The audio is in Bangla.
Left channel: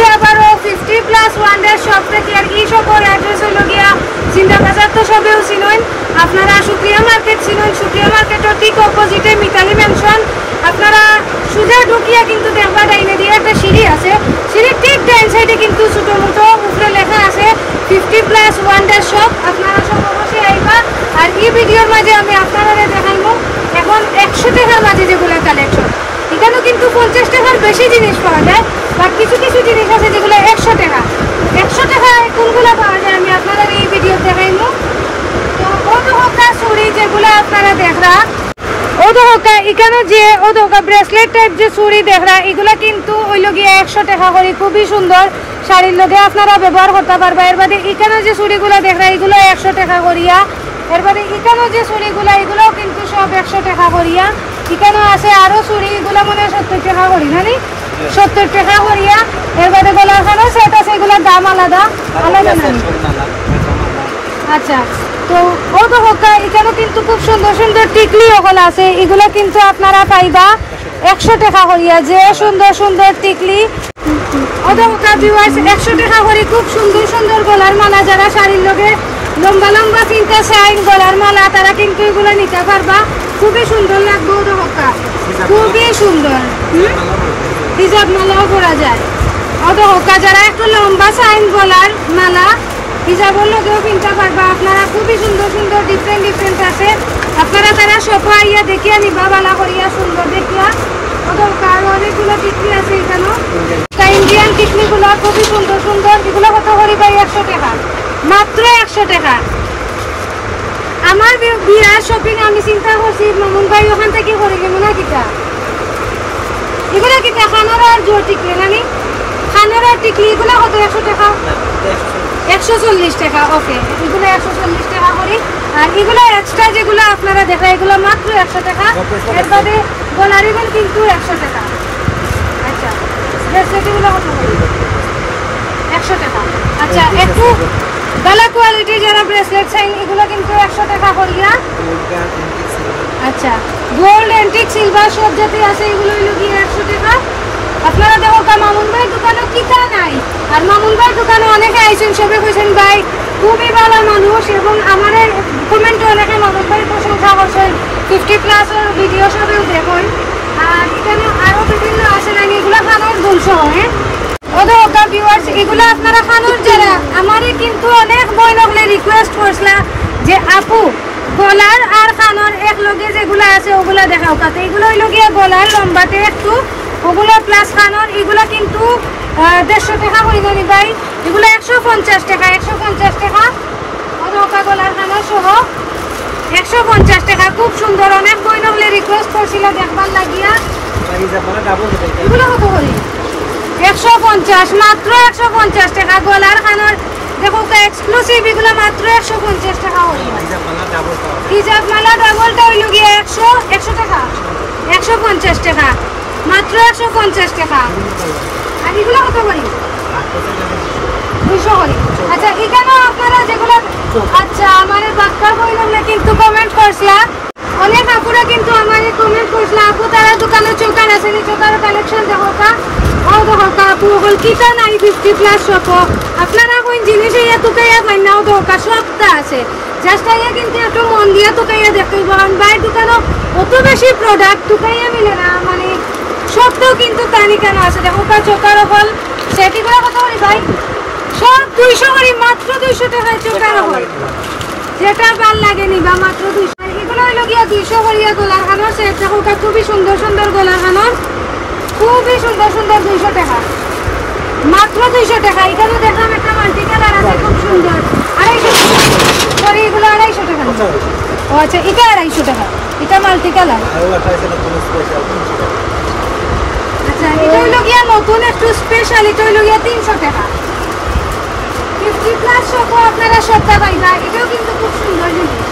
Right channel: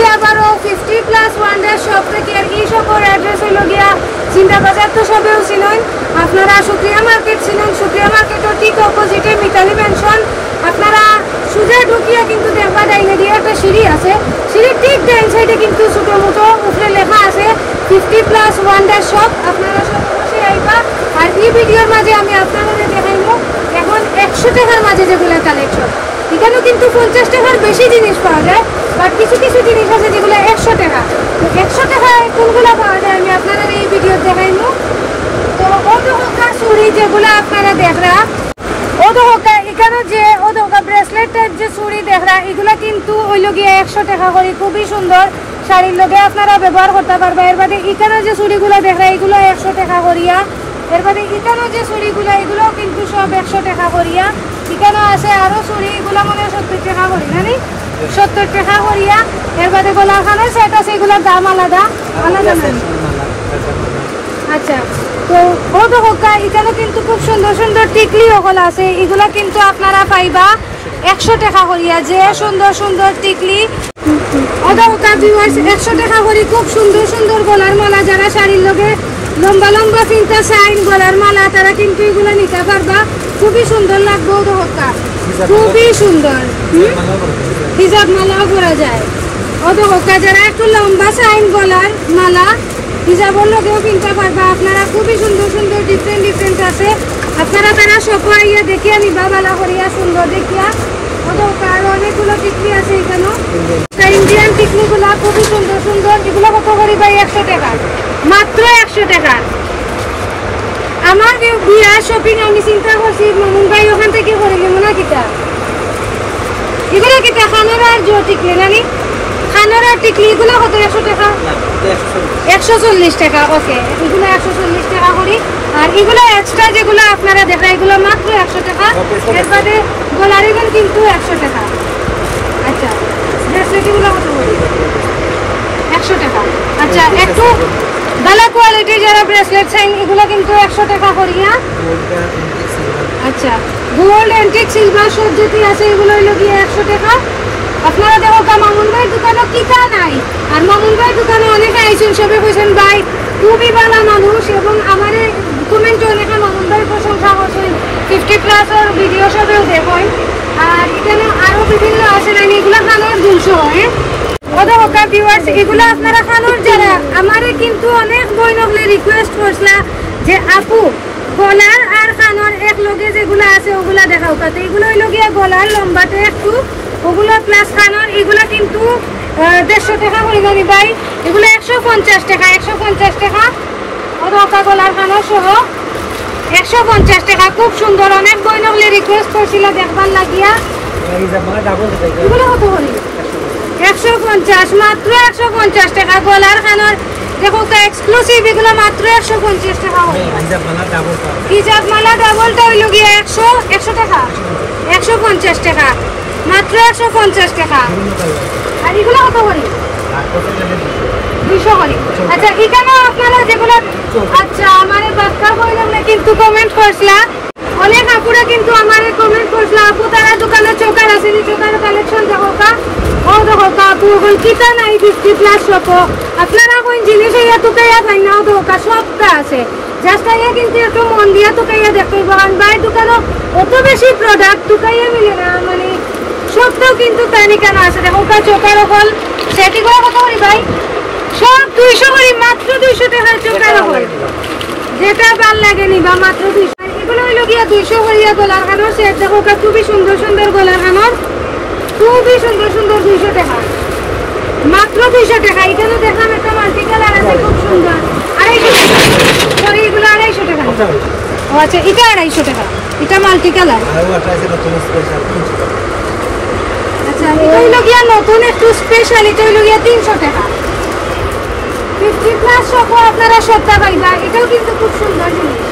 বলছি আবারও 50+ ওয়ান্ডার শপ থেকে। আর এই শপের অ্যাড্রেস হলো গিয়া জিন্দা বাজার, তো সবেও চিনুন আপনারা। সুপ্রিয়া মার্কেট চিনুন, সুপ্রিয়া মার্কেটের ঠিক অপোজিটে মিতালি ম্যানশন। আপনারা সোজা ঢুকিয়া কিন্তু দেখবা ডাইনে দিয়ে একটা সিঁড়ি আছে, সিঁড়ির ঠিক ডাইন সাইডে কিন্তু ছোটো মোটো উপরে লেখা আছে 50+ ওয়ান্ডার শপ। আপনারা সব অবশ্যই আইবা। আর এই ভিডিওর মাঝে আমি আপনারা দেখাইব এখন 100 টাকার মাঝে যেগুলো কালেকশন। এখানেও কিন্তু 50 টাকার বেশি জিনিস পাওয়া যায়, বাট কিছু কিছু জিনিস আছে যেগুলো 100 টাকা। 100 টাকায় কোনগুলো পাওয়া যায় আমি আপনারা এই ভিডিও দেখাইব। তো ওদোকা চুড়ি যেগুলো আপনারা দেখরা, ওদোকা এখানে যে ওদোকা ব্রেসলেট টাইপ যে চুড়ি দেখরা, এগুলা কিন্তু ওই লগিয়ে 100 টাকা করে। খুবই সুন্দর শাড়ির লগে আপনারা ব্যবহার করতে পারবা। এর বাদে এখানে যে চুড়িগুলো দেখরা এগুলো 100 টাকা করিয়া। এর বাদে এখানেও যে চুড়িগুলো এগুলোও কিন্তু সব 100 টাকা করিয়া। এখানে আছে আরো চুড়ি, এগুলো মনে হয় 70 টাকা করি না, 70 টাকা করিয়া। এর বাদে গলার খানা সেট আছে, এগুলোর দাম আলাদা আলাদা না। আচ্ছা, তো বহুত হোকা এখানেও কিন্তু খুব সুন্দর সুন্দর টিকলি ওখানে আছে, এগুলো কিন্তু আপনারা পাইবা 100 টাকা করিয়া। যে সুন্দর সুন্দর টিকলি ওদোকা ভিউয়ার্স 100 টাকা করে। খুব সুন্দর সুন্দর গলার মালা, যারা শাড়ির লগে লম্বা লম্বা চিন্তা চাই গলার মালা, তারা কিন্তু এগুলো নিতে পারবা। খুবই সুন্দর লাগবে ওদোকা, খুবই সুন্দর। হিজাব মালাও পরা যায় ওদোকা। যারা একটু লম্বা চাইন গলার মালা হিজাবের লগেও কিনতে পারবা আপনারা। খুবই সুন্দর সুন্দর ডিফারেন্ট ডিফারেন্ট আছে। আপনারা তারা সফা ইয়া দেখিয়া নিবা, বালা করিয়া সুন্দর দেখিয়া। ওদোকার অনেকগুলো টিকলি আছে এখানেও। ইন্ডিয়ান টিকলিগুলো খুবই সুন্দর সুন্দর। এগুলো কত করি ভাই? 100 টাকা, মাত্র 100 টাকা। আমার বিয়ার শপিং আমি চিন্তা করছি মামুন ভাই ওখান থেকে করে গেল না কিতা। এগুলো কিতা খানার জো টিকলি নাকি? খানার টিকলি এগুলো কত? 100 টাকা, 140 টাকা। ওকে, এগুলো 140 টাকা করি। আর এগুলো এক্সট্রা যেগুলো আপনারা দেখা এগুলো মাত্র 100 টাকা। এর বাদে গলার এগুলো কিন্তু 100 টাকা। আচ্ছা, ব্রেসলেটগুলো কত করি? 100 টাকা। আচ্ছা, একটু ভালো কোয়ালিটির যারা ব্রেসলেট চাইন এগুলো কিন্তু 100 টাকা করিয়া। আচ্ছা, গোল্ড অ্যান্টিক সিলভার সব যদি আছে এগুলো হইল গিয়ে 100 টাকা। আপনারা দেখো মামুন ভাইয়ের দোকানে কিতা নাই। আর মামুন ভাইয়ের দোকানে অনেকে আইসেন, সবে কইছেন ভাই খুবই ভালো মানুষ। এবং আমার কমেন্টে অনেকে মামুন ভাইয়ের প্রশংসা করছেন। 50+ ভিডিও সবেও দেখুন। আর এখানে আরো বিভিন্ন আছে না, এগুলো খানোর দুলশো হয়। ওদোকা ভিউয়ার্স এগুলো আপনারা খানোর যারা আমারে কিন্তু অনেক বই লগলে রিকোয়েস্ট করছিলা যে আপু গলার আর খানোর এক লগে যেগুলো আছে ওগুলা দেখাও। কাতে এগুলো হইল গিয়ে গলার লম্বাতে একটু ওগুলা প্লাস খানোর এগুলা কিন্তু 150 টাকা করে জানি ভাই। এগুলো 150 টাকা, 150 টাকা। ওদোকা গলার খানোর সহ 150 টাকা। খুব সুন্দর, অনেক বই লগলে রিকোয়েস্ট করছিল দেখবার লাগিয়া। এগুলো কত হলি? 150, মাত্র 150 টাকা। গলার খানোর দেখো এক্সক্লুসিভ এগুলো মাত্র 150 টাকা। হিজাব মালা ডাবলটা হইল গিয়ে 100 টাকা, 150 টাকা, মাত্র 150 টাকা। আর এগুলো কত করি? 200 করি। আচ্ছা, এখানেও আপনারা যেগুলো আচ্ছা আমার বাচ্চার বইলাম না কিন্তু কমেন্ট করছিলা অনেক আপুরা, কিন্তু আমার কমেন্ট করছিলা আপু তারা দোকানে চোকার আছে নি, চোকার কালেকশন দেখো কা। ও দেখো কা আপু ওগুলো কিতা নাই 50+ শপ। আপনারা কোন জিনিস ইয়া তুকাইয়া পাই না, ও দেখো কা সবটা আছে। জাস্ট আইয়া কিন্তু একটু মন দিয়া তুকাইয়া দেখতে হইব। কারণ বাইরের দোকানে অত বেশি প্রোডাক্ট তুকাইয়া মিলে না, মানে সবটাও কিন্তু তালিকা না আছে। দেখো কা চোকার হল সেটিগুলো কত করি ভাই? সব 200 করি, মাত্র 200 টাকার চোকার হল। যেটা ভাল লাগে নিবা মাত্র 200। এগুলো হইল গিয়া 200 করিয়া গলার খানোর সেট। দেখো কা খুবই সুন্দর সুন্দর গলার খানোর, খুবই সুন্দর সুন্দর। 200 টাকা, মাত্র 200 টাকা। এখানে দেখলাম একটা মাল্টি কালার আছে খুব সুন্দর, 250 টাকা। সরি, এগুলো 250 টাকা। ও আচ্ছা, এটা 250 টাকা, এটা মাল্টি কালার। আচ্ছা, এটা হইল গিয়া নতুন একটু স্পেশাল, এটা হইল গিয়া 300 টাকা। 50+ শপও আপনারা সবটা পাইবা। এটাও কিন্তু খুব সুন্দর জিনিস।